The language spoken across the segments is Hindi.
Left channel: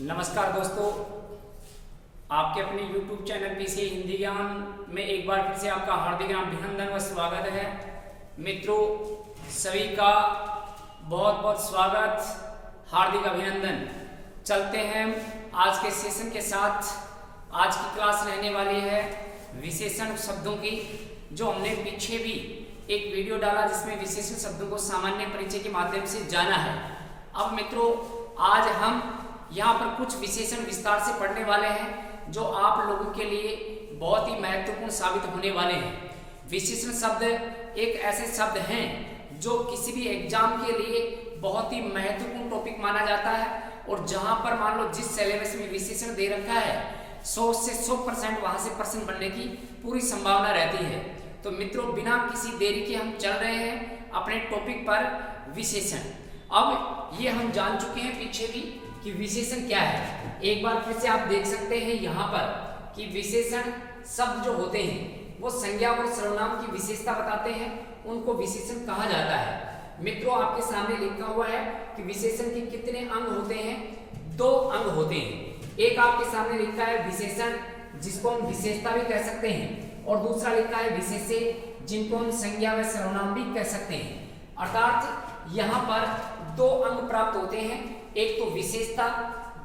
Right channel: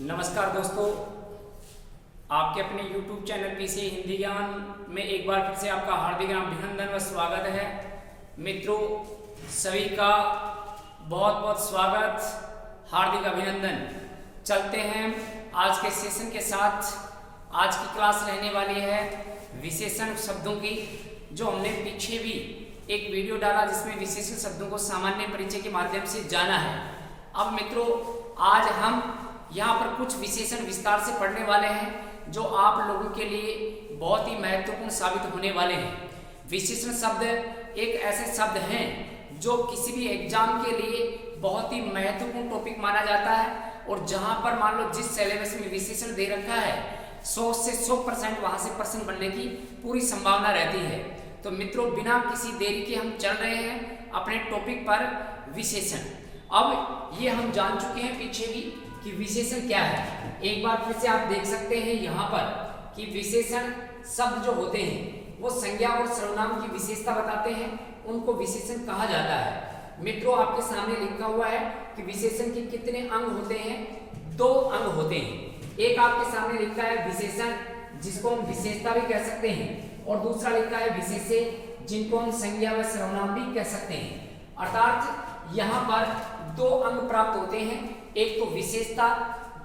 नमस्कार दोस्तों, आपके अपने YouTube चैनल पीसी हिंदी ज्ञान में एक बार फिर से आपका हार्दिक अभिनंदन व स्वागत है। मित्रों, सभी का बहुत बहुत स्वागत, हार्दिक अभिनंदन। चलते हैं आज के सेशन के साथ। आज की क्लास रहने वाली है विशेषण शब्दों की, जो हमने पीछे भी एक वीडियो डाला जिसमें विशेषण शब्दों को सामान्य परिचय के माध्यम से जाना है। अब मित्रों, आज हम यहाँ पर कुछ विशेषण विस्तार से पढ़ने वाले हैं जो आप लोगों के लिए बहुत ही महत्वपूर्ण साबित होने वाले हैं। विशेषण शब्द एक ऐसे शब्द हैं जो किसी भी एग्जाम के लिए बहुत ही महत्वपूर्ण टॉपिक माना जाता है, और जहाँ पर मान लो जिस सिलेबस में विशेषण दे रखा है 100 से 100% वहाँ से प्रश्न बनने की पूरी संभावना रहती है। तो मित्रों, बिना किसी देरी के हम चल रहे हैं अपने टॉपिक पर, विशेषण। अब ये हम जान चुके हैं पीछे भी कि विशेषण क्या है। एक बार फिर से आप देख सकते हैं यहाँ पर कि विशेषण शब्द जो होते हैं वो संज्ञा और सर्वनाम की विशेषता बताते हैं, उनको विशेषण कहा जाता है। मित्रों, आपके सामने लिखा हुआ है कि विशेषण के कितने अंग होते हैं? 2 अंग होते हैं। एक आपके सामने लिखा है विशेषण, जिसको हम विशेषता भी कह सकते हैं, और दूसरा लिखा है विशेष्य, जिनको हम संज्ञा व सर्वनाम भी कह सकते हैं। अर्थात यहाँ पर 2 अंग प्राप्त होते हैं, एक तो विशेषता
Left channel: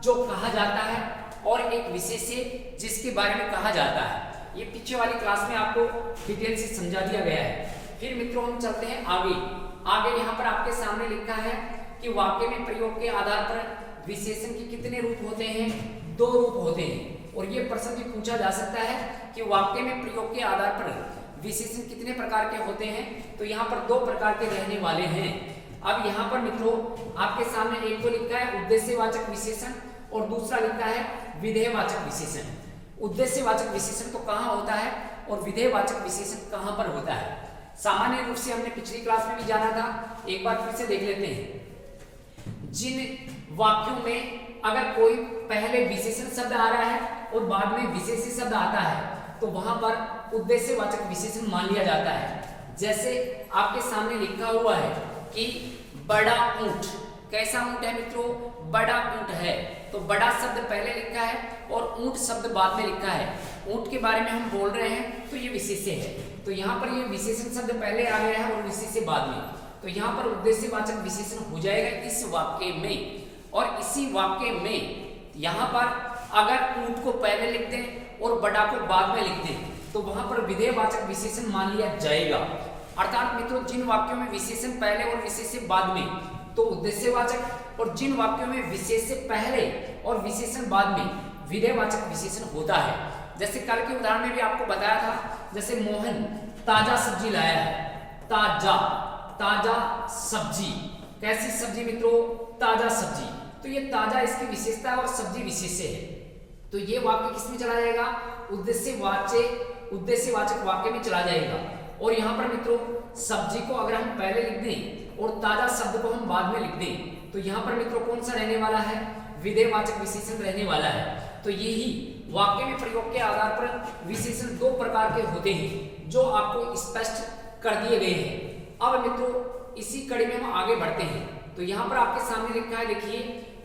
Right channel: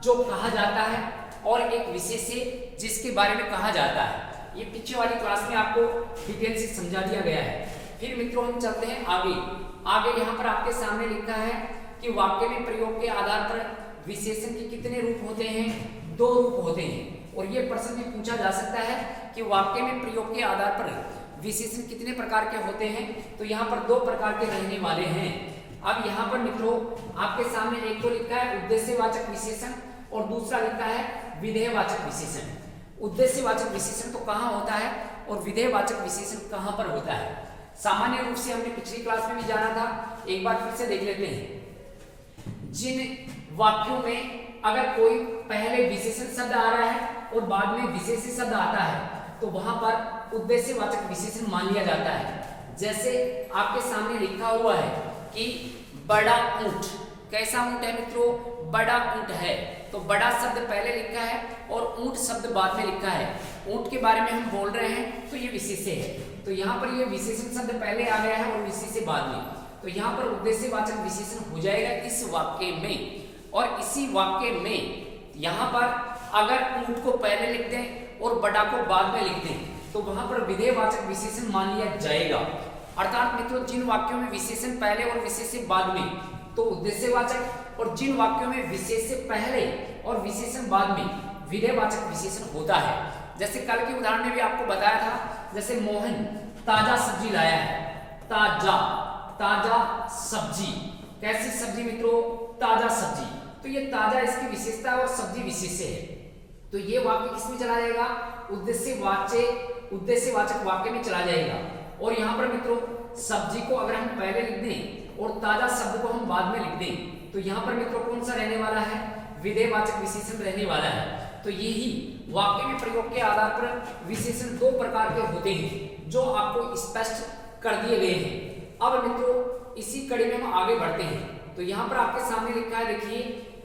जो कहा जाता है, और एक विशेष्य जिसके बारे में कहा जाता है। ये पीछे वाली क्लास में आपको डिटेल से समझा दिया गया है। फिर मित्रों, हम चलते हैं आगे यहाँ पर आपके सामने लिखा है कि वाक्य में प्रयोग के आधार पर विशेषण के कितने रूप होते हैं? 2 रूप होते हैं। और ये प्रश्न भी पूछा जा सकता है कि वाक्य में प्रयोग के आधार पर विशेषण कितने प्रकार के होते हैं? तो यहाँ पर 2 प्रकार के रहने वाले हैं। अब यहाँ पर मित्रों, आपके सामने एक तो लिखा है उद्देश्यवाचक विशेषण, और दूसरा लिखा है विधेयवाचक विशेषण। उद्देश्यवाचक विशेषण तो कहाँ होता है और विधेयवाचक विशेषण कहाँ पर होता है? सामान्य रूप से हमने पिछली क्लास में भी जाना था, एक बार फिर से देख लेते हैं। जिन वाक्यों में अगर कोई पहले विशेषण शब्द आ रहा है और बाद में विशेष्य शब्द आता है, तो वहां पर उद्देश्यवाचक विशेषण मान लिया जाता है। जैसे आपके सामने लिखा हुआ है कि बड़ा ऊंट। कैसा ऊंट है मित्रों? बड़ा ऊंट है। तो बड़ा शब्द पहले लिखा है और ऊंट शब्द बाद में लिखा है। ऊंट के बारे में हम बोल रहे हैं, तो ये विशेष्य है। तो यहाँ पर ये विशेषण शब्द पहले आ गया है और विशेष्य बाद में, तो यहाँ पर उद्देश्यवाचक विशेषण हो जाएगा इस वाक्य में। और इसी वाक्य में यहाँ पर अगर ऊंट को पहले लिख दें और बड़ा को बाद में लिख दें, तो वहां पर विधेयवाचक विशेषण मान लिया जाएगा। अर्थात मित्रों, जिन वाक्यों में विशेषण पहले और विशेष्य बाद में, तो उद्देश्यवाचक, और जिन वाक्यों में विशेष्य पहले और विशेषण बाद में, विधेयवाचक विशेषण होता है। जैसे कल के उदाहरण में भी आपको बताया था, जैसे मोहन ताजा सब्जी लाया है। ताजा सब्जी। कैसी सब्जी मित्रों? ताजा सब्जी। तो ये ताजा इसकी विशेषता है और सब्जी विशेष्य है। तो ये वाक्य किसमें चला जाएगा? उद्देश्यवाचक वाक्य में चला जाएगा। और यहाँ पर मित्रों, सब्जी को अगर हम पहले लिख दें और ताजा शब्द को हम बाद में लिख दें, तो यहाँ पर मित्रों कौन सा रहने वाला है? विधेयवाचक विशेषण रहने वाला है। तो यही वाक्य में प्रयोग के आधार पर विशेषण 2 प्रकार के होते हैं, जो आपको स्पष्ट कर दिए गए हैं। अब मित्रों, इसी कड़ी में हम आगे बढ़ते हैं। तो यहाँ पर आपके सामने लिखा है, देखिए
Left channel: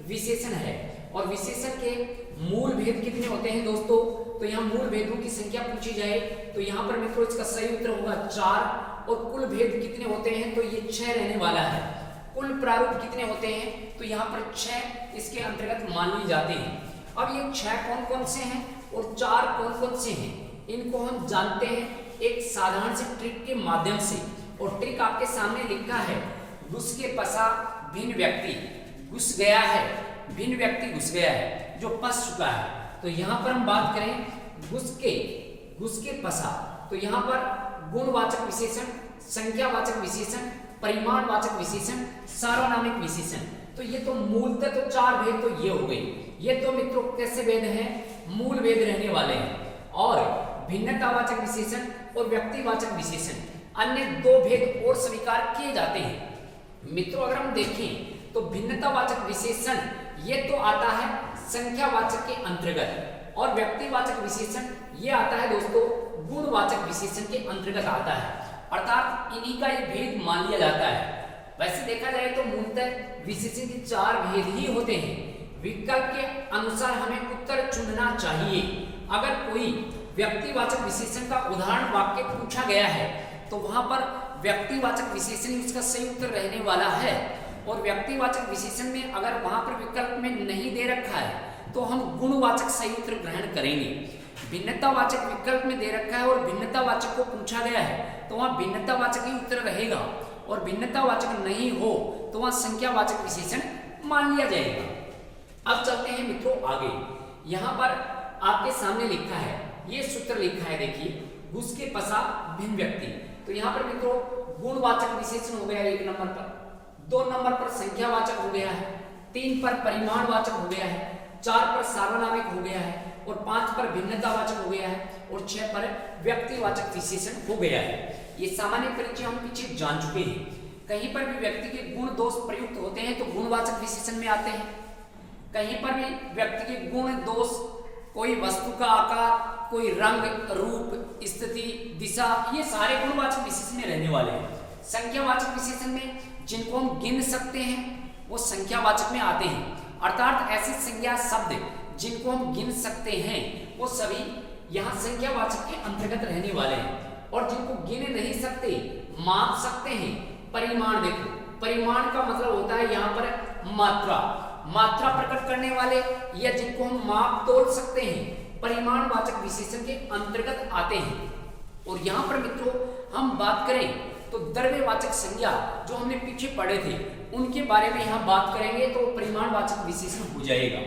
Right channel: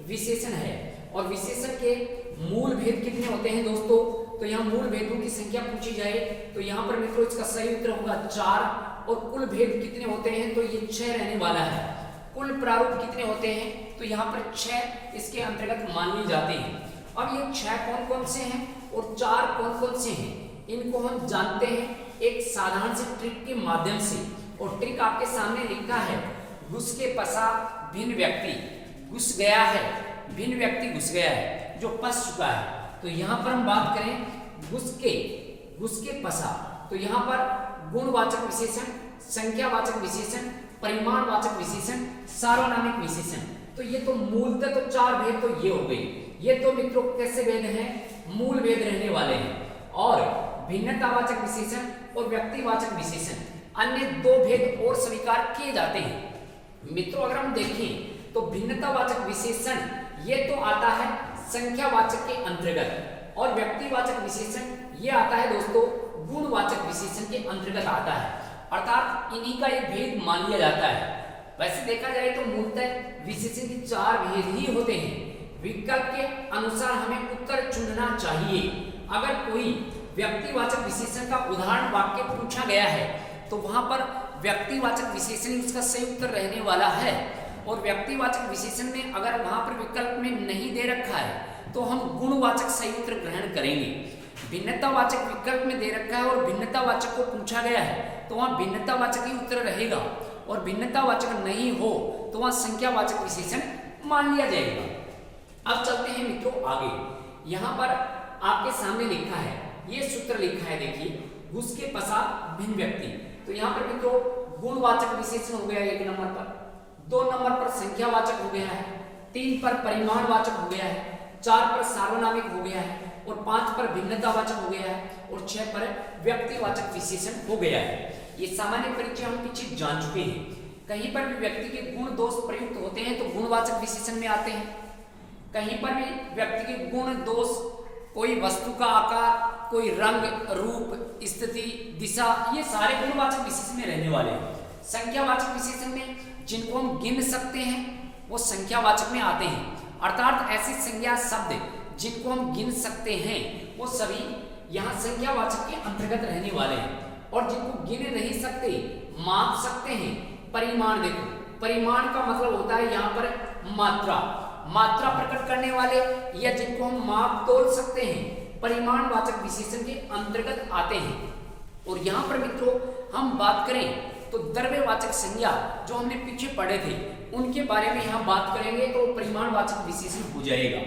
विशेषण है, और विशेषण के मूल भेद कितने होते हैं दोस्तों? तो यहाँ मूल भेदों की संख्या पूछी जाए तो यहाँ पर मित्रों इसका सही उत्तर होगा 4। और कुल भेद कितने होते हैं? तो ये 6 रहने वाला है। कुल प्रारूप कितने होते हैं? तो यहाँ पर 6 इसके अंतर्गत मान लिए जाते हैं। अब ये 6 कौन कौन से हैं और 4 कौन कौन से हैं, इनको हम जानते हैं एक साधारण से ट्रिक के माध्यम से। और ट्रिक आपके सामने लिखा है, घुस के पसा भिन्न व्यक्ति घुस गया है, भिन्न व्यक्ति घुस गया है, जो पस चुका है। तो यहाँ पर हम बात करें घुस के पसा, तो यहाँ पर गुणवाचक विशेषण, संख्यावाचक विशेषण, परिमाणवाचक विशेषण, सार्वनामिक विशेषण। तो ये तो मूलतः तो 4 भेद तो ये हो गई। ये तो मित्रों कैसे भेद हैं? मूल भेद रहने वाले हैं। और भिन्नतावाचक विशेषण और व्यक्तिवाचक विशेषण, अन्य 2 भेद और स्वीकार किए जाते हैं। मित्रों, अगर हम देखें तो भिन्नतावाचक विशेषण ये तो आता है संख्यावाचक के अंतर्गत, और व्यक्तिवाचक विशेषण ये आता है दोस्तों गुणवाचक विशेषण के अंतर्गत आता है। अर्थात इन्हीं का एक भेद मान लिया जाता है। वैसे देखा जाए तो मूलतः विशेषण के 4 भेद ही होते हैं। विकल्प के अनुसार हमें उत्तर चुनना चाहिए। अगर कोई व्यक्तिवाचक विशेषण का उदाहरण वाक्य पूछा गया है तो वहां पर व्यक्तिवाचक विशेषण इसका सही उत्तर रहने वाला है, और व्यक्तिवाचक विशेषण में अगर वहां पर विकल्प में नहीं दे रखा है तो हम गुणवाचक सही उत्तर ग्रहण करेंगे। भिन्नतावाचक विकल्प में दे रखा है और भिन्नतावाचक को पूछा गया है तो वहां भिन्नतावाचक ही उत्तर रहेगा, और भिन्नतावाचक नहीं हो तो वहां संख्यावाचक विशेषण मान लिया जाएगा। अब चलते हैं मित्रों आगे। यहाँ पर आपके सामने लिखा है, ये सूत्र लिखा है, देखिए, घुस के पश्चात भिन्न व्यक्ति। तो यहाँ पर मित्रों गुणवाचक विशेषण हो गया 1 नंबर पर, 2 नंबर पर संख्यावाचक हो गया है, 3 पर परिमाणवाचक हो गया है, 4 पर सार्वनामिक हो गया है, और 5 पर भिन्नतावाचक हो गया है, और 6 पर व्यक्तिवाचक विशेषण हो गया है। ये सामान्य परिचय हम पीछे जान चुके हैं। कहीं पर भी व्यक्ति के गुण दोष प्रयुक्त होते हैं तो गुणवाचक विशेषण में आते हैं। कहीं पर भी व्यक्ति के गुण दोष, कोई वस्तु का आकार, कोई रंग, रूप, स्थिति, दिशा, ये सारे गुणवाचक विशेषण में रहने वाले हैं। संख्यावाचक विशेषण में जिनको हम गिन सकते हैं वो संख्यावाचक में आते हैं, अर्थात ऐसे संज्ञा शब्द जिनको हम गिन सकते हैं वो सभी यहाँ संख्यावाचक के अंतर्गत रहने वाले हैं। और जिनको गिन नहीं सकते, माप सकते हैं, परिमाण, देखो परिमाण का मतलब होता है यहाँ पर मात्रा, मात्रा प्रकट करने वाले, या जिनको हम माप तोल सकते हैं, परिमाणवाचक विशेषण के अंतर्गत आते हैं। और यहाँ पर मित्रों हम बात करें तो द्रव्यवाचक संज्ञा जो हमने पीछे पढ़े थे उनके बारे में यहाँ बात करेंगे तो परिमाणवाचक विशेषण हो जाएगा।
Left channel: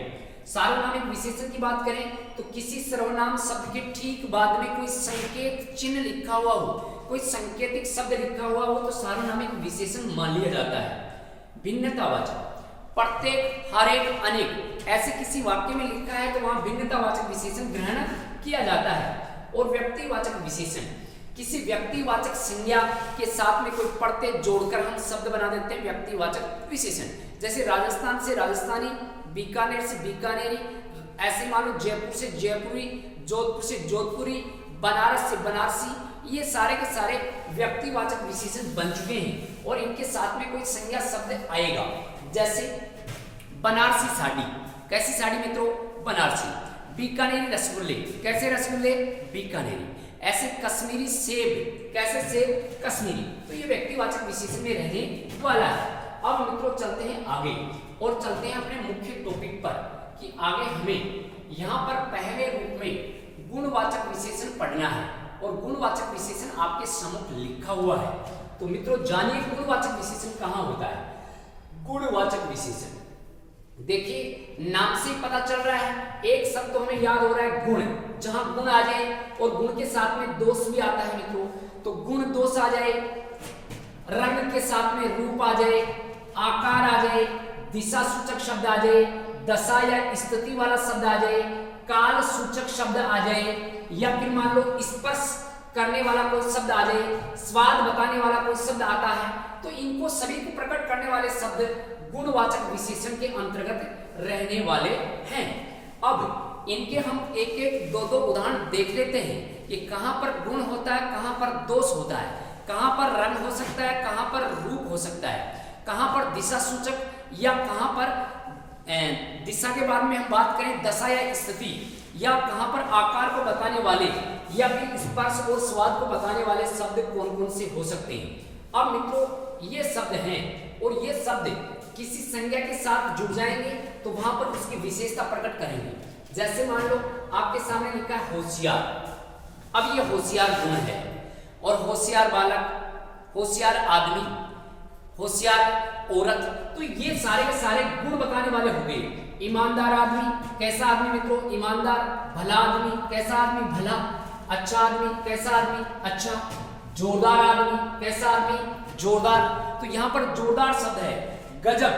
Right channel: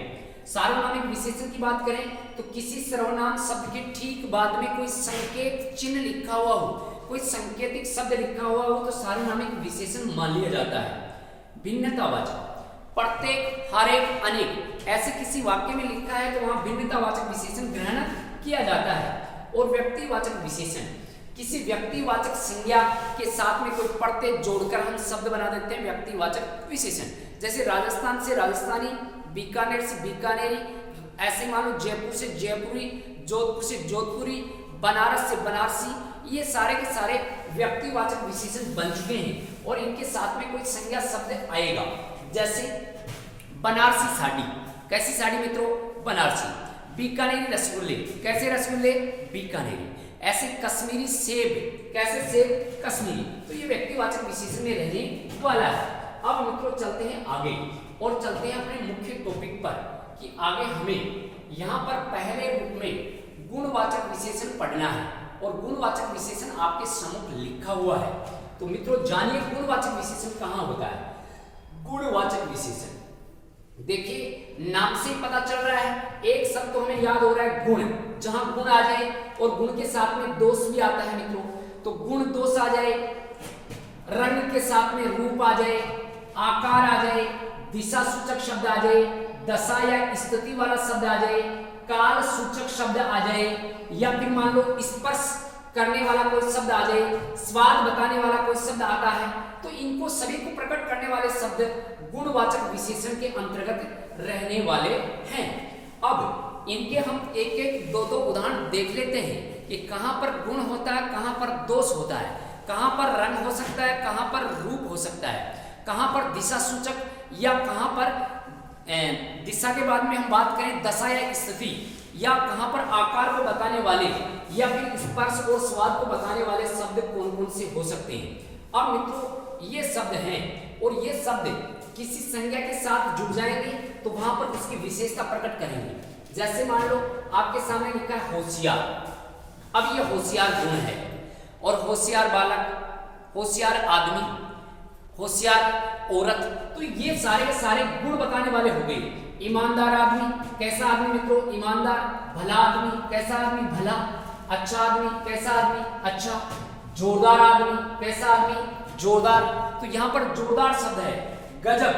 सार्वनामिक विशेषण की बात करें तो किसी सर्वनाम शब्द के ठीक बाद में कोई संकेत चिन्ह लिखा हुआ हो, कोई संकेतिक शब्द लिखा हुआ हो तो सार्वनामिक विशेषण मान लिया जाता है। भिन्नतावाचक, प्रत्येक, हर एक, अनेक, ऐसे किसी वाक्य में लिखा है तो वहां भिन्नतावाचक विशेषण ग्रहण किया जाता है। और व्यक्तिवाचक विशेषण, किसी व्यक्तिवाचक संज्ञा के साथ में कोई प्रत्यय जोड़कर हम शब्द बना देते हैं व्यक्तिवाचक विशेषण। जैसे राजस्थान से राजस्थानी, बीकानेर से बीकानेरी, ऐसे मान लो जयपुर से जयपुरी, जोधपुर से जोधपुरी, बनारस से बनारसी, ये सारे के सारे व्यक्तिवाचक विशेषण बन चुके हैं और इनके साथ में कोई संज्ञा शब्द आएगा। जैसे बनारसी साड़ी, कैसी साड़ी मित्रों? बनारसी। बीकानेरी रसगुल्ले, कैसे रसगुल्ले? बीकानेरी। ऐसे कश्मीरी सेब, कैसे सेब? कश्मीरी। तो ये व्यक्तिवाचक विशेषण में रहने वाला है। अब मित्रों चलते हैं आगे और चलते हैं अपने मुख्य टॉपिक पर कि आगे हमें यहाँ पर पहले रूप में गुणवाचक विशेषण पढ़ना है और गुणवाचक विशेषण आपके सम्मुख लिखा हुआ है। तो मित्रों जानिए गुणवाचक विशेषण कहाँ होता है। गुणवाचक विशेषण देखिए नाम से ही पता चल रहा है, एक शब्द तो हमें याद हो रहा है गुण, जहां गुण आ जाए और गुण के साथ में दोष भी आता है मित्रों, तो गुण दोष आ जाए, रंग के साथ में रूप आ जाए, आकार आ जाए, दिशा सूचक शब्द आ जाए, दशा या स्थिति वाला शब्द आ जाए, काल सूचक शब्द आ जाए, या फिर मान लो स्पर्श करने वाला कोई शब्द आ जाए, स्वाद बताने वाला कोई शब्द आता है, तो इनको सभी को प्रकट करने वाले शब्द गुणवाचक विशेषण के अंतर्गत रहने वाले हैं। अब इनके हम एक एक दो दो उदाहरण देख लेते हैं कि कहां पर गुण होता है, कहां पर दोष होता है, कहां पर रंग हो सकता है, कहां पर रूप हो सकता है, कहां पर दिशा सूचक या कहां पर दिशा के बाद में हम बात करें दशा या स्थिति, या कहां पर आकार को बताने वाले या फिर स्पर्श और स्वाद को बताने वाले शब्द कौन कौन से हो सकते हैं। अब मित्रों ये शब्द हैं और ये शब्द किसी संज्ञा के साथ जुड़ जाएंगे तो वहां पर उसकी विशेषता प्रकट करेंगे। जैसे मान लो आपके सामने लिखा है होशियार, अब ये होशियार गुण है, और होशियार बालक, होशियार आदमी, होशियार औरत, तो ये सारे के सारे गुण बताने वाले हो गए। ईमानदार आदमी, कैसा आदमी मित्रों? ईमानदार। भला आदमी, कैसा आदमी? भला। अच्छा आदमी, कैसा आदमी? अच्छा। जोरदार आदमी, कैसा आदमी? जोरदार। तो यहाँ पर जोरदार शब्द है। गजब,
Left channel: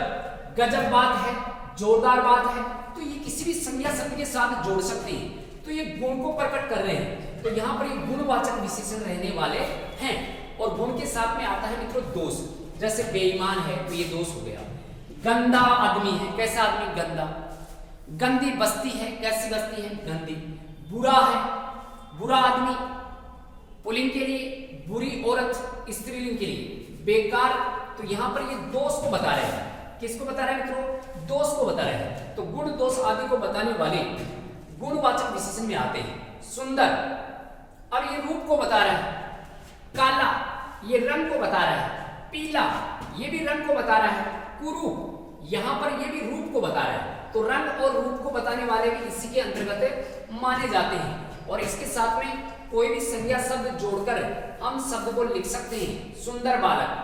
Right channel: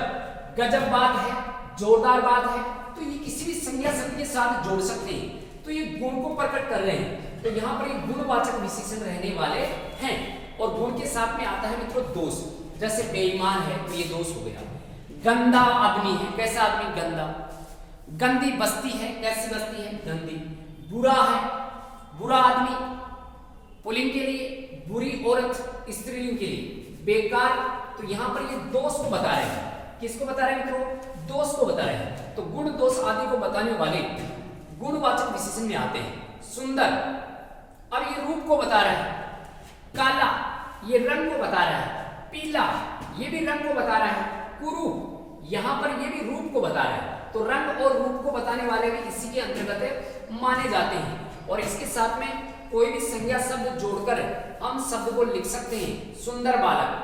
गजब बात है, जोरदार बात है, तो ये किसी भी संज्ञा शब्द के साथ जोड़ सकते हैं, तो ये गुण को प्रकट कर रहे हैं। तो यहाँ पर ये गुणवाचक विशेषण रहने वाले हैं और गुण के साथ में आता है मित्रों दोष। जैसे बेईमान है तो ये दोष हो गया। गंदा आदमी है, कैसा आदमी? गंदा। गंदी बस्ती है, कैसी बस्ती है? गंदी। बुरा है, बुरा आदमी पुल्लिंग के लिए, बुरी औरत स्त्रीलिंग के लिए। बेकार, तो यहां पर ये दोष को बता रहे हैं। किसको बता रहे हैं मित्रों? दोष को बता रहे हैं। तो गुण दोष आदि को बताने वाले गुणवाचक विशेषण में आते हैं। सुंदर, अब ये रूप को बता रहा है। काला, ये रंग को बता रहा है। पीला, ये भी रंग को बता रहा है। कुरूप, यहाँ पर ये भी रूप को बता रहा है। तो रंग और रूप को बताने वाले भी इसी के अंतर्गत माने जाते हैं। और इसके साथ में कोई भी संज्ञा शब्द जोड़कर हम शब्द को लिख सकते हैं। सुंदर बालक,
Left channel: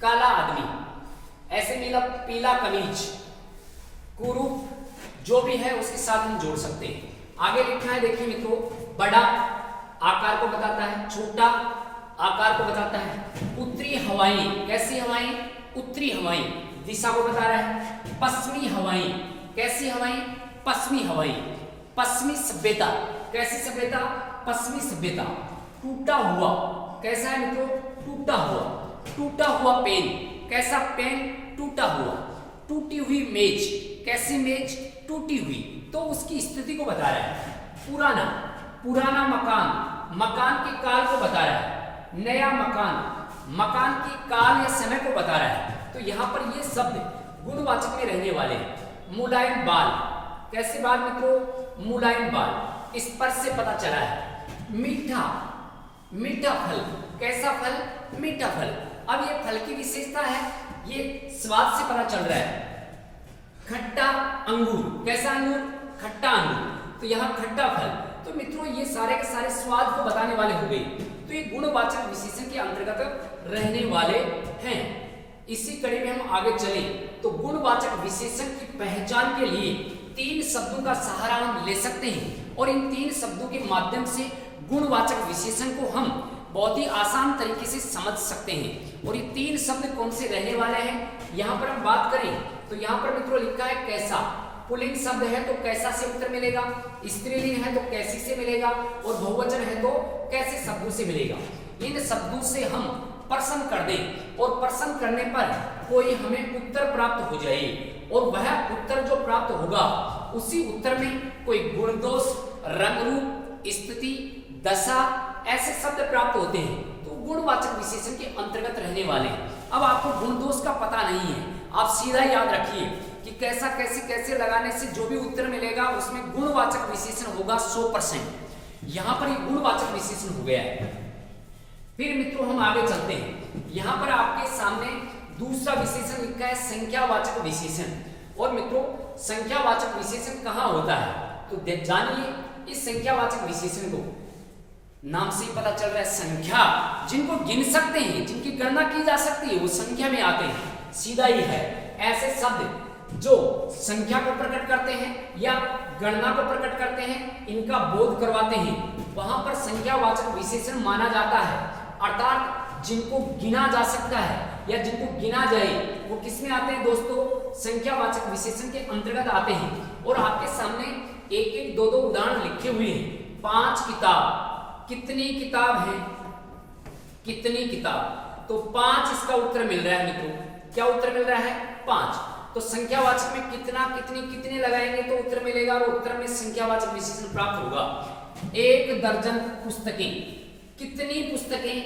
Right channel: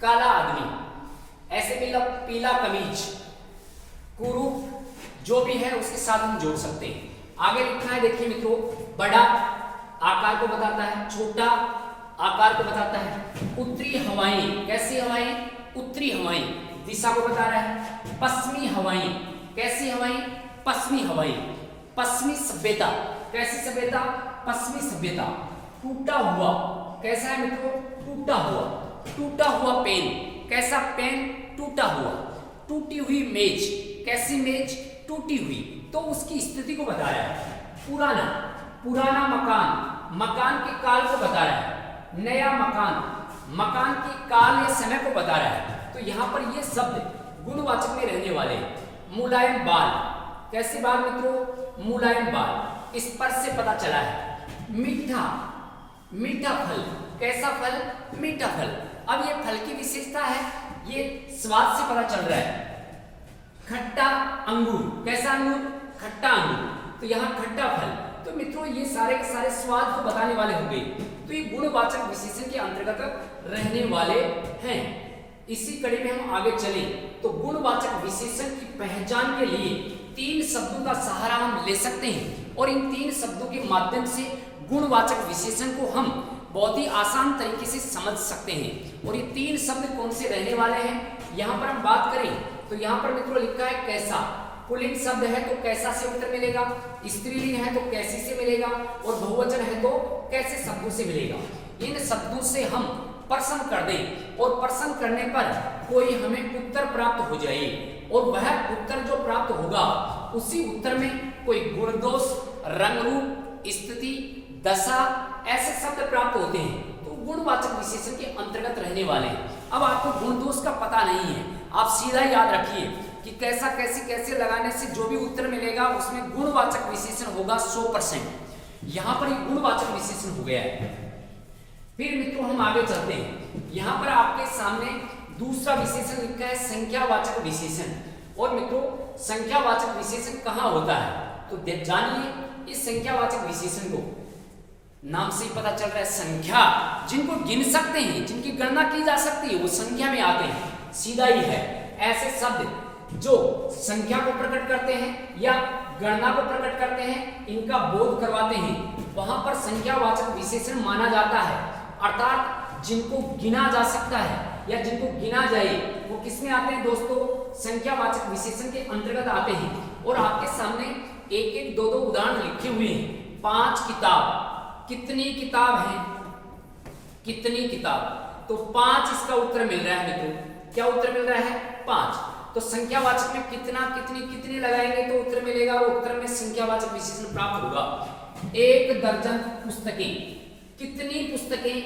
काला आदमी, ऐसे पीला कमीज, कुरूप, जो भी है उसके साथ हम जोड़ सकते हैं। आगे लिखा है, देखिए मित्रों, बड़ा आकार को बताता है, छोटा आकार को बताता है। उत्तरी हवाएं, कैसी हवाएं? उत्तरी हवाएं, दिशा को बता रहा है। पश्चिमी हवाएं, कैसी हवाएं? पश्चिमी हवाएं। पश्चिमी सभ्यता, कैसी सभ्यता? पश्चिमी सभ्यता। टूटा हुआ, कैसा है मित्रों? टूटा हुआ। टूटा हुआ पेन, कैसा पेन? टूटा हुआ। टूटी हुई मेज, कैसी मेज? टूटी हुई। तो उसकी स्थिति को बता रहा है। पुराना, पुराना मकान, मकान के काल को बता रहा है। नया मकान, मकान की काल या समय को बता रहा है। तो यहाँ पर ये शब्द गुणवाचक में रहने वाले। मुलायम बाल, कैसे बाल मित्रों? मुलायम बाल। स्पर्श से पता चला है। मीठा, मीठा फल, कैसा फल? मीठा फल। अब ये फल की विशेषता है, ये स्वाद से पता चल रहा है। खट्टा अंगूर, कैसा अंगूर? खट्टा अंगूर। तो यहाँ खट्टा फल। तो मित्रों ये सारे के सारे स्वाद को बताने वाले हो गए। तो ये गुणवाचक विशेषण के अंतर्गत रहने वाले हैं। इसी कड़ी में हम आगे चले तो गुणवाचक विशेषण की पहचान के लिए 3 शब्दों का सहारा हम ले सकते हैं और इन 3 शब्दों के माध्यम से गुणवाचक विशेषण को हम बहुत ही आसान तरीके से समझ सकते हैं। और ये 3 शब्द कौन से रहने वाले हैं, यहाँ पर हम बात करें तो यहाँ पर मित्रों लिखा है कैसा। पुल्लिंग शब्द है तो कैसा से उत्तर मिलेगा, स्त्रीलिंग है तो कैसी से मिलेगा, और बहुवचन है तो कैसे शब्दों से मिलेगा। इन शब्दों से हम प्रश्न कर दें और प्रश्न करने पर कोई हमें उत्तर प्राप्त हो जाए और वह उत्तर जो प्राप्त होगा उसी उत्तर में कोई गुण दोष, रंग रूप, स्थिति, दशा ऐसे शब्द प्राप्त होते हैं। तो गुणवाचक विशेषण के अंतर्गत रहने वाले हैं। अब आपको गुण दोष का पता नहीं है, आप सीधा याद रखिए कि कैसा कैसे कैसे लगाने से जो भी उत्तर मिलेगा उसमें गुणवाचक विशेषण होगा 100%। यहाँ पर एक गुणवाचक विशेषण हो गया है। फिर मित्रों हम आगे चलते हैं। यहाँ पर आपके सामने दूसरा विशेषण लिखा है संख्यावाचक विशेषण। और मित्रों संख्यावाचक विशेषण कहाँ होता है तो जानिए इस संख्यावाचक विशेषण को। नाम से ही पता चल रहा है संख्या, जिनको गिन सकते हैं, जिनकी गणना की जा सकती है वो संख्या में आते हैं। सीधा ही है। ऐसे शब्द जो संख्या को प्रकट करते हैं या गणना को प्रकट करते हैं, इनका बोध करवाते हैं, वहां पर संख्यावाचक विशेषण माना जाता है। अर्थात जिनको गिना जा सकता है या जिनको गिना जाए वो किसमें आते हैं दोस्तों? संख्यावाचक विशेषण के अंतर्गत आते हैं। और आपके सामने एक एक दो उदाहरण लिखे हुए हैं। 5 किताब, कितनी किताब है? कितनी किताब? तो 5 इसका उत्तर मिल रहा है मित्रों। क्या उत्तर मिल रहा है? 5। तो संख्यावाचक में कितना, कितनी, कितने लगाएंगे तो उत्तर मिलेगा और उत्तर में संख्यावाचक विशेषण प्राप्त होगा। 1 दर्जन पुस्तकें, कितनी पुस्तकें?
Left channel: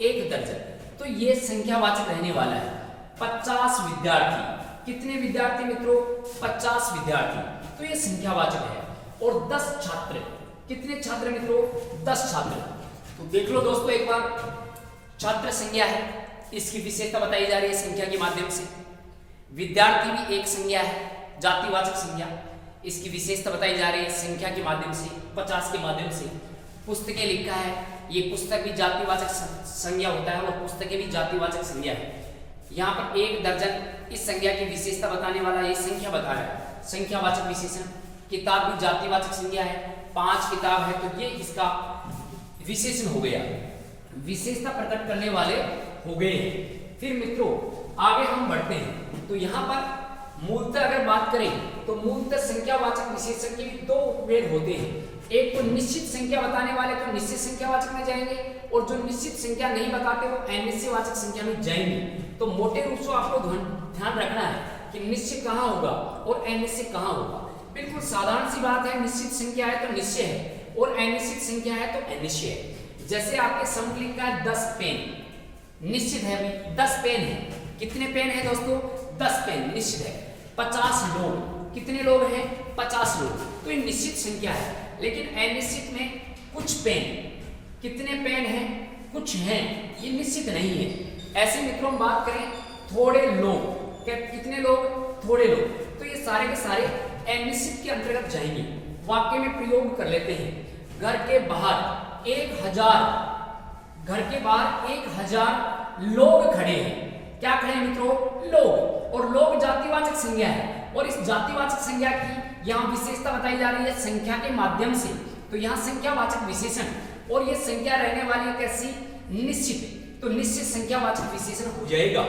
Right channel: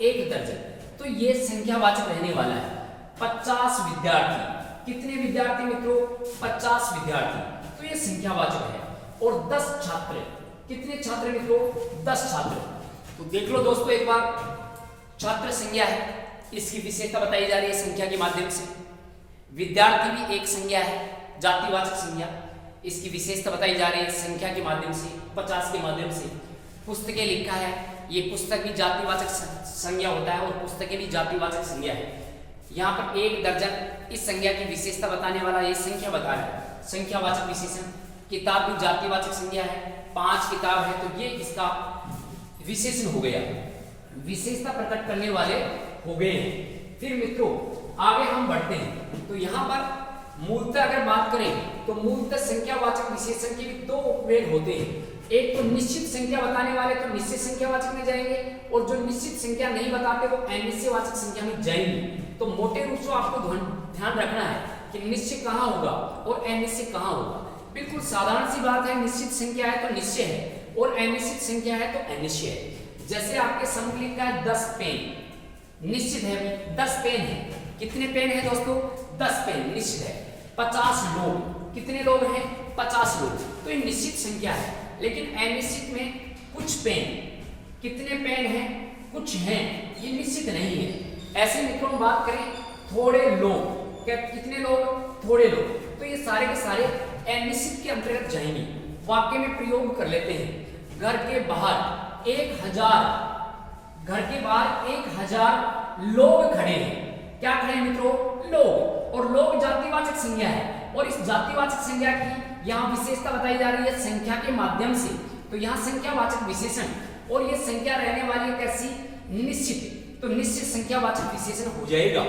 1 दर्जन। तो ये संख्यावाचक रहने वाला है। 50 विद्यार्थी, कितने विद्यार्थी मित्रों? 50 विद्यार्थी। तो ये संख्यावाचक है। और 10 छात्र, कितने छात्र मित्रों? 10 छात्र। तो देख लो दोस्तों एक बार, छात्र संज्ञा है, इसकी विशेषता बताई जा रही है संख्या के माध्यम से। विद्यार्थी भी एक संज्ञा है, जातिवाचक संज्ञा, इसकी विशेषता बताई जा रही है संख्या के माध्यम से, 50 के माध्यम से। पुस्तकें लिखा है, ये पुस्तक भी जातिवाचक संज्ञा होता है और पुस्तकें भी जातिवाचक संज्ञा है। यहाँ पर 1 दर्जन इस संज्ञा की विशेषता बताने वाला ये संख्या बता रहा है, संख्यावाचक विशेषण। किताब भी जातिवाचक संज्ञा है, 5 किताब है तो ये इसका विशेषण हो गया, विशेषता प्रकट करने वाले हो गए। फिर मित्रों आगे हम बढ़ते हैं। तो यहाँ पर मूलतः अगर बात करें तो मूलतः संख्यावाचक विशेषण के भी 2 उपभेद होते हैं। एक तो निश्चित संख्या बताने वाले तो निश्चित संख्यावाचक में जाएंगे और जो निश्चित संख्या नहीं बताते वो अनिश्चयवाचक संख्या में जाएंगे। तो मोटे रूप से आपको ध्यान रखना है कि निश्चय कहाँ होगा और अनिश्चय कहाँ होगा। बिल्कुल साधारण सी बात है, निश्चित संख्या है तो निश्चय है और अनिश्चित संख्या है तो अनिश्चय है। जैसे आपके सम्मुख लिखा है 10 पेन, निश्चित है अभी 10 पेन है। कितने पेन है दोस्तों? 10 पेन निश्चित है। 50 लोग, कितने लोग हैं? 50 लोग। तो ये निश्चित संख्या है। लेकिन अनिश्चित में कुछ पेन, कितने पेन हैं? कुछ हैं, ये निश्चित नहीं है। ऐसे मित्रों हम बात करें थोड़े लोग, कितने लोग? थोड़े लोग। तो ये सारे के सारे अनिश्चित के अंतर्गत जाएंगे। वाक्य में प्रयोग कर लेते हैं। घर के बाहर 1000 लोग खड़े हैं। क्या खड़े हैं मित्रों? लोग। और लोग जातिवाचक संज्ञा है, और इस जातिवाचक संज्ञा की यहाँ विशेषता बताई जा रही है संख्या के माध्यम से। तो यहाँ संख्यावाचक विशेषण, और ये संख्या रहने वाली है कैसी? निश्चित। तो निश्चित संख्यावाचक विशेषण हो जाएगा।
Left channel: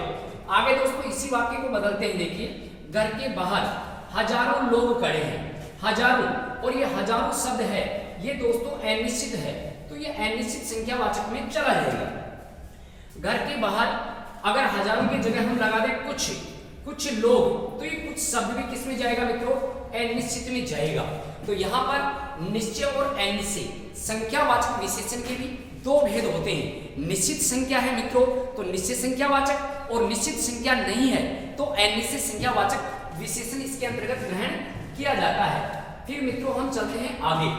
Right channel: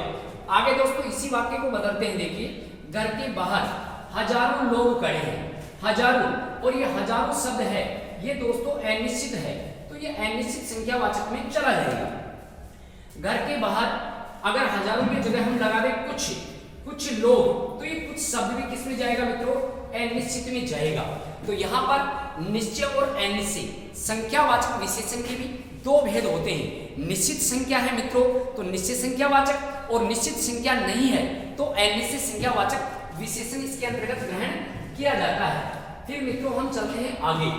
आगे दोस्तों इसी वाक्य को बदलते हैं। देखिए, घर के बाहर हजारों लोग खड़े हैं। हजारों, और ये हजारों शब्द है, ये दोस्तों अनिश्चित है। तो ये अनिश्चित संख्यावाचक में चला जाएगा। घर के बाहर अगर हजारों की जगह हम लगा दें कुछ लोग, तो ये कुछ शब्द भी किस में जाएगा मित्रों? अनिश्चित में जाएगा। तो यहाँ पर निश्चय और अनिश्चित संख्यावाचक विशेषण के भी दो भेद होते हैं। निश्चित संख्या है मित्रों तो निश्चित संख्यावाचक, और निश्चित संख्या नहीं है तो अनिश्चित संख्यावाचक विशेषण इसके अंतर्गत ग्रहण किया जाता है। फिर मित्रों हम चलते हैं आगे।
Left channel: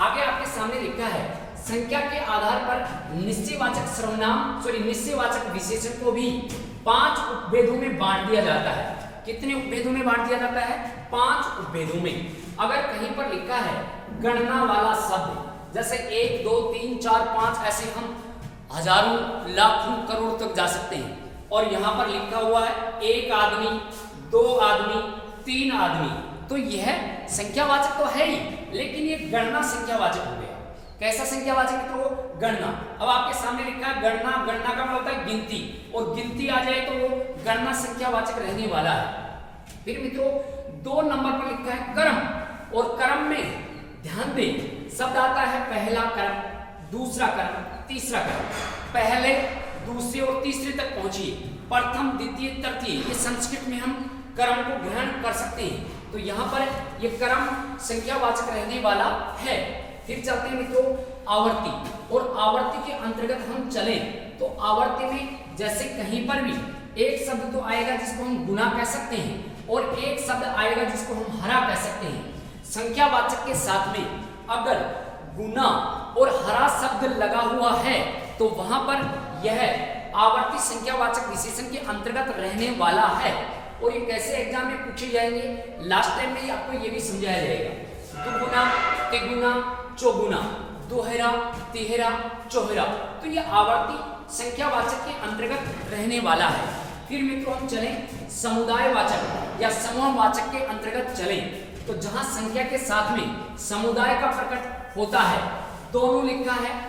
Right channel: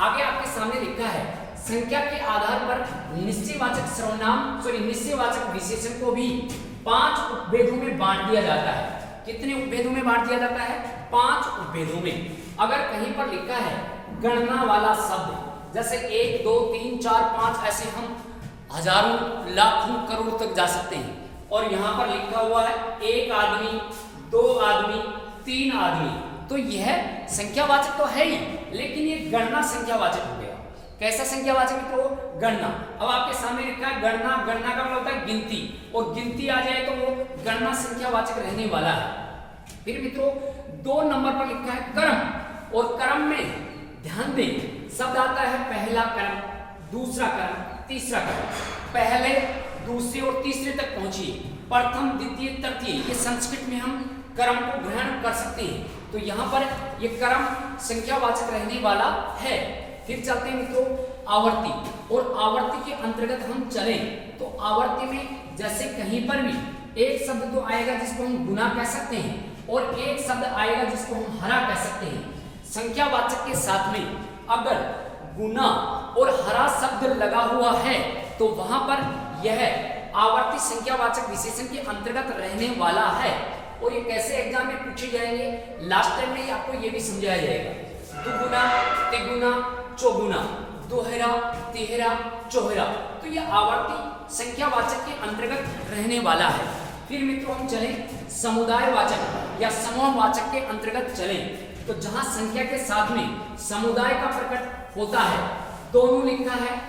आगे आपके सामने लिखा है संख्या के आधार पर निश्चयवाचक विशेषण को भी 5 उपभेदों में बांट दिया जाता है। कितने उपभेदों में बांट दिया जाता है? 5 उपभेदों में। अगर कहीं पर लिखा है गणना वाला शब्द, जैसे 1 2 3 4 5, ऐसे हम हजारों लाखों करोड़ तक जा सकते हैं। और यहाँ पर लिखा हुआ है 1 आदमी, 2 आदमी, 3 आदमी, तो यह संख्यावाचक तो है ही, लेकिन ये गणना संख्यावाचक हो गया। कैसा संख्यावाचक तो? गणना। अब आपके सामने लिखा है गणना, गणना का मतलब होता है गिनती, और गिनती आ जाए तो वो गणना संख्यावाचक रहने वाला है। फिर मित्रों 2 नंबर पर लिखा है कर्म, और कर्म में ध्यान दें शब्द आता है पहला कर्म, दूसरा कर्म, तीसरा कर्म। पहले, दूसरे और तीसरे तक पहुंचिए, प्रथम, द्वितीय, तृतीय, ये संस्कृत में हम कर्म को ग्रहण कर सकते हैं। तो यहाँ पर ये कर्म संख्यावाचक रहने वाला है। फिर चलते हैं मित्रों आवर्ती, और आवर्ती के अंतर्गत हम चले तो आवर्ती में जैसे कहीं पर भी एक शब्द तो आएगा जिसको हम गुना कह सकते हैं, और एक शब्द आएगा जिसको हम हरा कह सकते हैं। संख्यावाचक के साथ में अगर गुना और हरा शब्द लगा हुआ है तो वहां पर यह आवर्ती संख्यावाचक विशेषण के अंतर्गत रहने वाला है। और ये कैसे एग्जाम में पूछे जाएंगे, लास्ट टाइम में आपको ये भी समझाया जाएगा। दुगुना, तिगुना, चौगुना, दोहरा, तिहरा, चौहरा, तो ये आवर्ती संख्यावाचक के अंतर्गत रहने वाला है। फिर मित्रों हम चलें समुदायवाचक या समूहवाचक के अंतर्गत चलें, तो जहां संख्या के साथ में समुदाय का प्रकट होता है, दोनों लिखा है,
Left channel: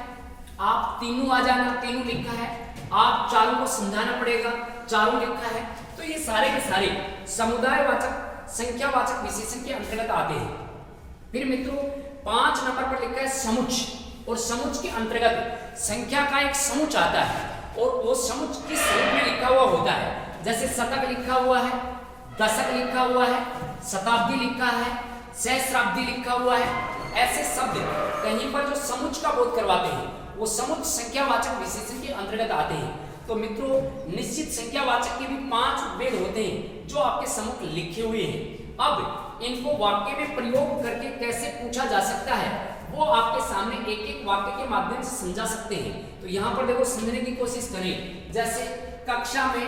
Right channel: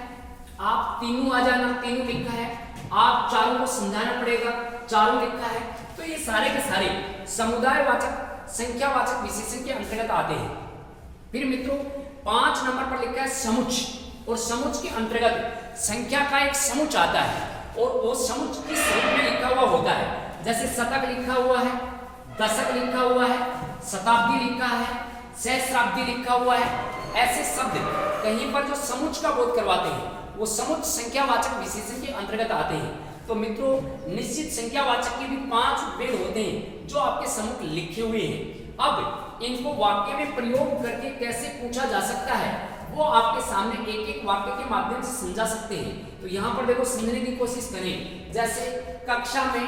आप तीनों आ जाना, तीनों लिखा है, आप चारों को समझाना पड़ेगा, चारों लिखा है, तो ये सारे के सारे समुदायवाचक संख्यावाचक विशेषण के अंतर्गत आते हैं। फिर मित्रों 5 नंबर पर लिखा है समुच्च, और समुच्च के अंतर्गत संख्या का एक समुच्च आता है, और वो समुच्च किस रूप में लिखा हुआ होता है। जैसे शतक लिखा हुआ है, दशक लिखा हुआ है, शताब्दी लिखा है, सहस्राब्दी लिखा हुआ है, ऐसे शब्द कहीं पर जो समुच्च का बोध करवाते हैं वो समुच्च संख्यावाचक विशेषण के अंतर्गत आते हैं। तो मित्रों निश्चित संख्यावाचक के भी 5 उपभेद होते हैं जो आपके सम्मुख लिखे हुए हैं। अब इनको वाक्य में प्रयोग करके कैसे पूछा जा सकता है वो आपके सामने एक एक वाक्य के माध्यम से समझा सकते हैं। तो यहाँ पर देखो समझने की कोशिश करें। जैसे कक्षा में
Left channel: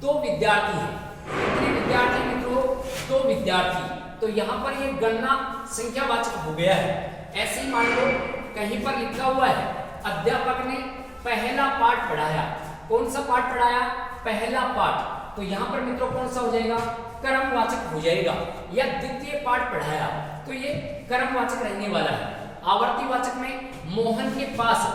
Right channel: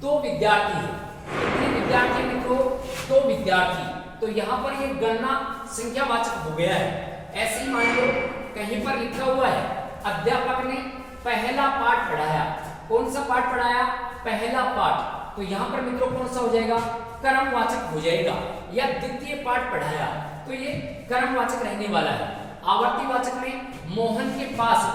2 विद्यार्थी हैं, कितने विद्यार्थी मित्रों? 2 विद्यार्थी, तो यहाँ पर ये गणना संख्यावाचक हो गया है। ऐसे ही मान लो कहीं पर लिखा हुआ है अध्यापक ने पहला पाठ पढ़ाया। कौन सा पाठ पढ़ाया? पहला पाठ, तो यहाँ पर मित्रों कौन सा हो जाएगा? कर्मवाचक हो जाएगा। या द्वितीय पाठ पढ़ाया, तो ये कर्मवाचक रहने वाला है। आवर्तीवाचक में मोहन के पास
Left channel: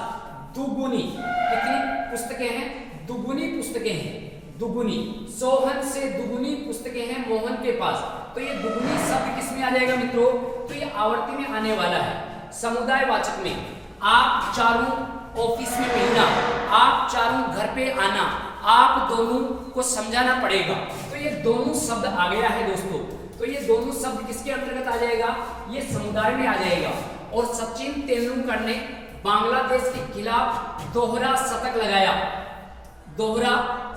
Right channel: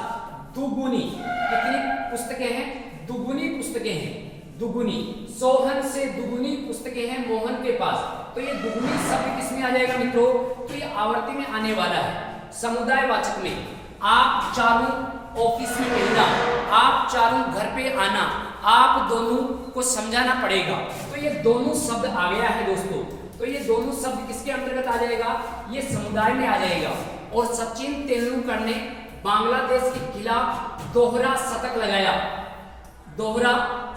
दुगुनी, कितनी पुस्तकें हैं? दुगुनी पुस्तकें हैं, दुगुनी। सोहन से दुगुनी पुस्तकें हैं मोहन के पास, तो ये दुगुनी शब्द किसमें आ जाएगा मित्रों? तो ये आवर्ती में आने वाला है। समुदायवाचक में आप चारों ऑफिस में मिलना, आप चारों घर पे आना, आप दोनों को समझाना पड़ेगा, तो ये दोनों शब्द आ गया है दोस्तों। तो ये दोनों शब्द किसके अंतर्गत आ जाएगा? ये समुदाय में आ जाएगा। और सचिन तेंदुलकर ने बांग्लादेश के खिलाफ दोहरा शतक लगाया, दोहरा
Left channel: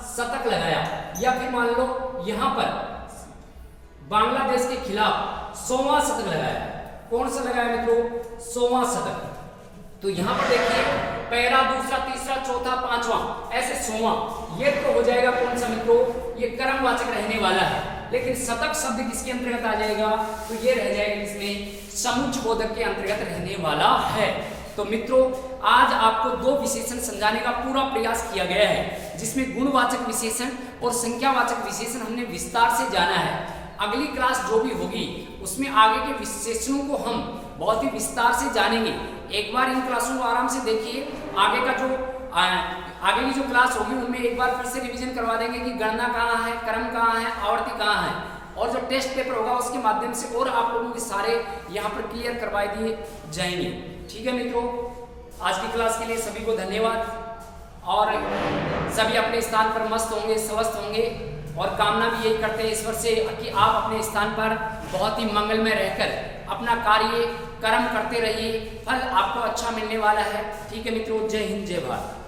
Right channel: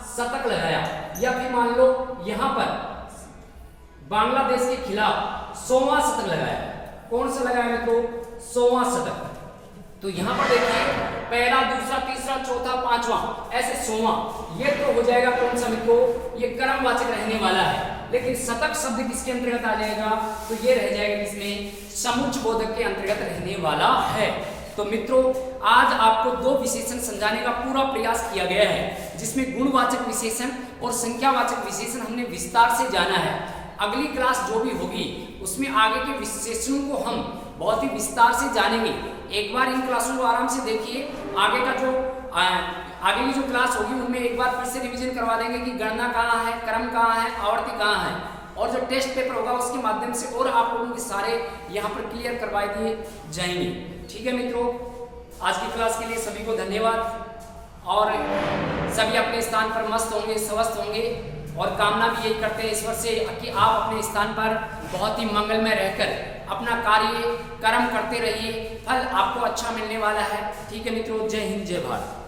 शतक लगाया। या फिर मान लो यहाँ पर बांग्लादेश के खिलाफ 100वां शतक लगाया। कौन सा लगाया मित्रों? 100वां शतक। तो यहाँ पर देखिए पहला, दूसरा, तीसरा, चौथा, पांचवा, ऐसे 100वां। ये तो हो जाएगा कौन सा मित्रों? ये कर्मवाचक रहने वाला है। लेकिन शतक शब्द किसके अंतर्गत आ जाएगा? तो ये रह जाएगा किसमें? समुच्चयबोधक के अंतर्गत रहने वाला है। तो मित्रों आज आपको दो विशेषण समझाने का पूरा प्रयास किया गया है, जिसमें गुणवाचक विशेषण और संख्यावाचक विशेषण हमने विस्तार से जाना है। अगली क्लास जो भी होगी उसमें आगे के विशेषणों को हम बहुत ही विस्तार से जानेंगे। एक बार इन क्लासों को आराम से देखिए, आगे का जो आगे की जो क्लास होगी उनमें एक बार फिर से रिवीजन करवा देंगे कि गणना कहाँ है, क्रम कहाँ है, आवर्ती कहाँ है, और जो टेस्ट पेपर होगा उसके माध्यम से और आप लोगों के सारे यहाँ पर क्लियर करवा दिए जाएंगे। ठीक है मित्रों, आज की क्लास के लिए सभी को धन्यवाद और सभी अपने स्थान पर मस्त होंगे, स्वस्थ होंगे और कामना भी यही करते हैं ईश्वर से कि आप अपने स्थान पर बहुत ही मंगलमय रहकर अपना कार्य कर्म करते रहिए, फल आपको अच्छा मिलने वाला है। ठीक है मित्रों, जय हिंद, जय भारत।